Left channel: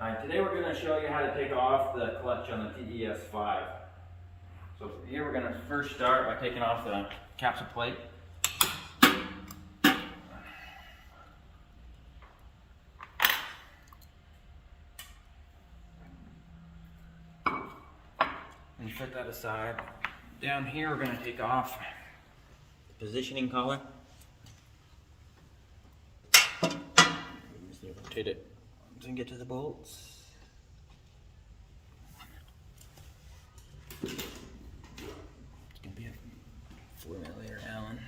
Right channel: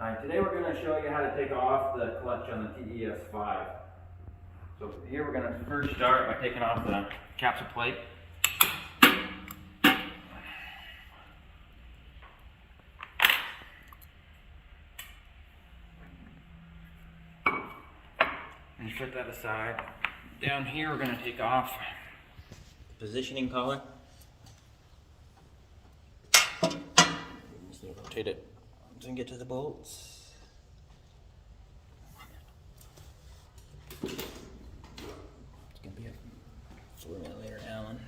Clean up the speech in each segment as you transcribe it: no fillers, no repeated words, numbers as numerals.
Alright, today we're going to show you how to take off the clutch on the TES 5. So here we're going to first start by taking off the capsule plate. And you put that aside. Down here we're going to take off the positioning collar. Just rotate it and get to the bolts. It's going to be a 4mm Allen.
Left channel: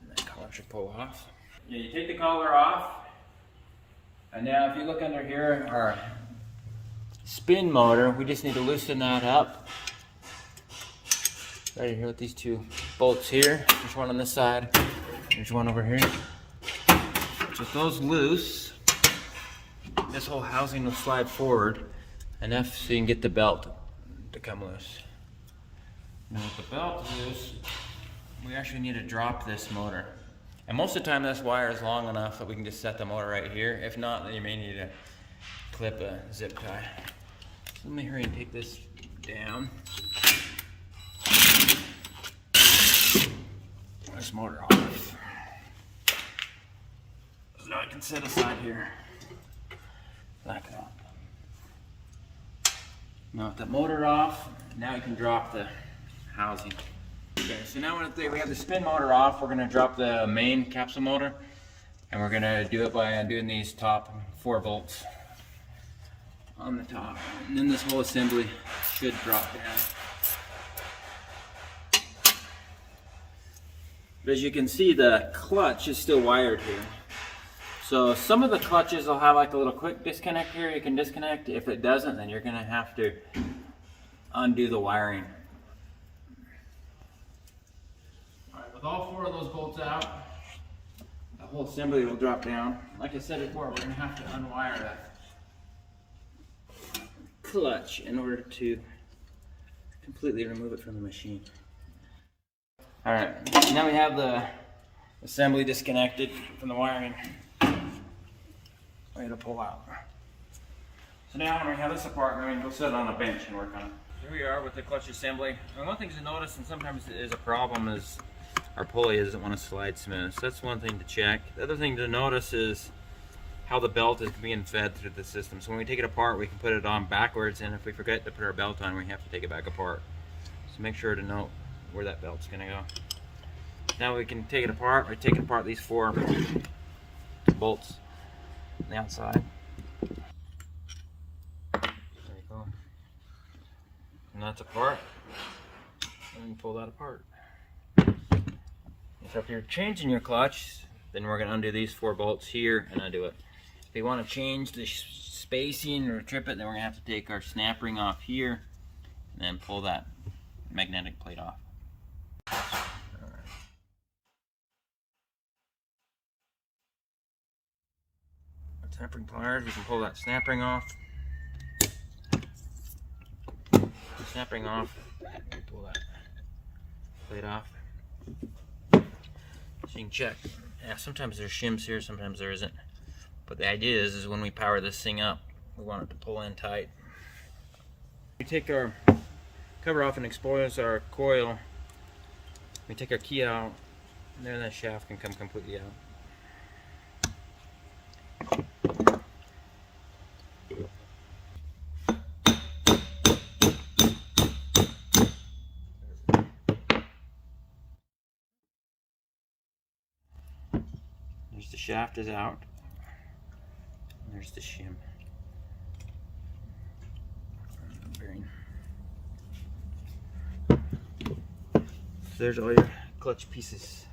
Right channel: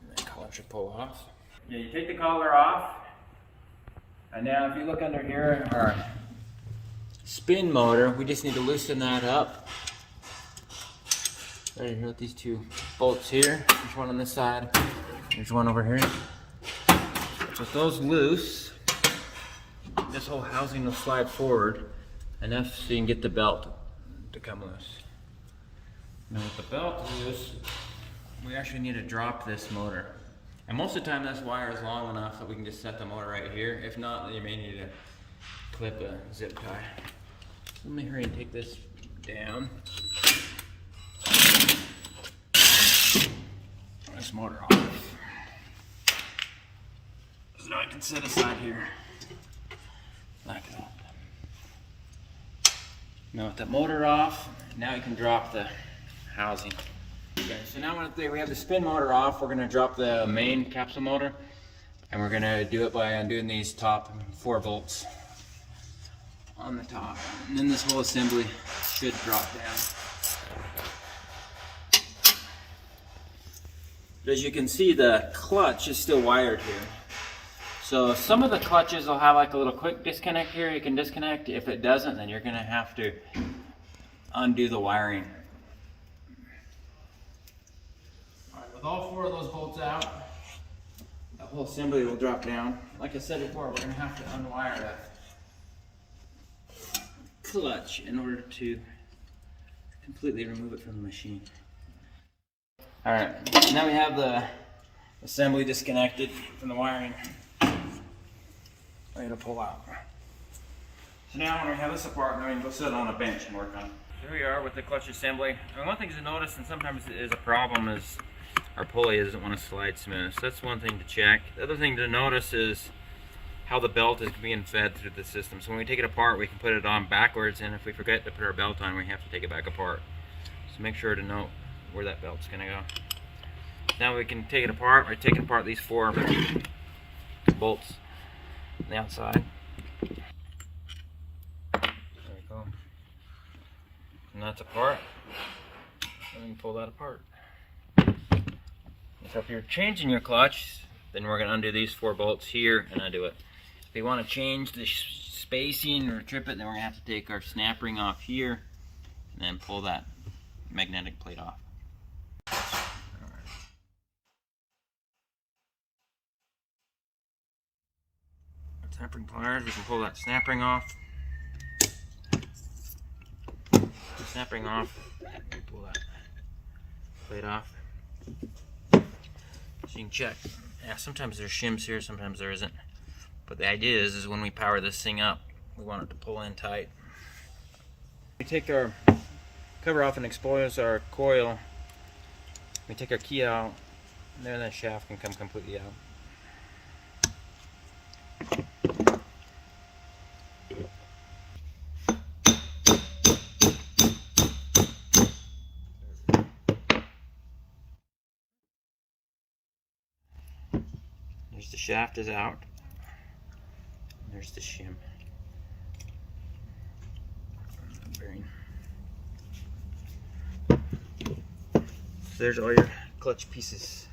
And that collar should pull off. Yeah, you take the collar off, and now if you look under here, our spin motor, we just need to loosen that up. Right here with these two bolts here. There's one on this side, there's one over here. So with those loose, this whole housing will slide forward enough so you can get the belt to come loose. Now with the belt loose, we actually need to drop this motor. And most of the time this wire is long enough that we can just set the motor right here. If not, then you may need to clip a zip tie. So let me hurry and take this down. This motor off. So now I can set aside here. Like that. Now with the motor off, now you can drop the housing. Okay, so now we have the spin motor off, we're going to drop the main capsule motor, and we're going to do it by undoing these top 4 bolts on the top, and then this whole assembly should drop down. But as you can see, the clutch is still wired here. So some of the clutches will have like a little quick disconnect here. You can disconnect. If it doesn't, then you're going to have to undo the wiring. Alright, with all 4 of those bolts out, the whole assembly will drop down. Like I said before, we're going to have to unwire that clutch in order to completely remove it from the machine. Alright, now we have the assembly disconnected from the wiring. Ready to pull out. So now when we have this apart, we can go sit on a bench and work on it. Here we are with the clutch assembly. And one thing to notice, and sometimes it is a problem, is our pulley doesn't want to slide smooth. So that's one thing to check. The other thing to notice is how the belt is being fed through the system. So when we take it apart, we can put it on backwards, and if we forget to put our belt on, we have to take it back apart. So make sure to note where that belt's going to go. Now we can take it apart. We're taking apart these 4 bolts on the outside. There we go. And that's apart. And you pull that apart. So if you're changing your clutch, then we're going to undo these 4 bolts here and undo it. If you want to change the spacing or trip it, then we're going to have to take our snap ring off here and then pull that magnetic plate off. Snap ring pliers, we can pull that snap ring off. The snap ring off, pull that plate off. So you can check. Yeah, sometimes there's shims here, sometimes there isn't. But the idea is when we power this thing up, we want it to pull in tight. We take our cover off and expose our coil. We take our key out, and then that shaft can come completely out. There's the shaft is out. There's the shim. There's all your clutch pieces.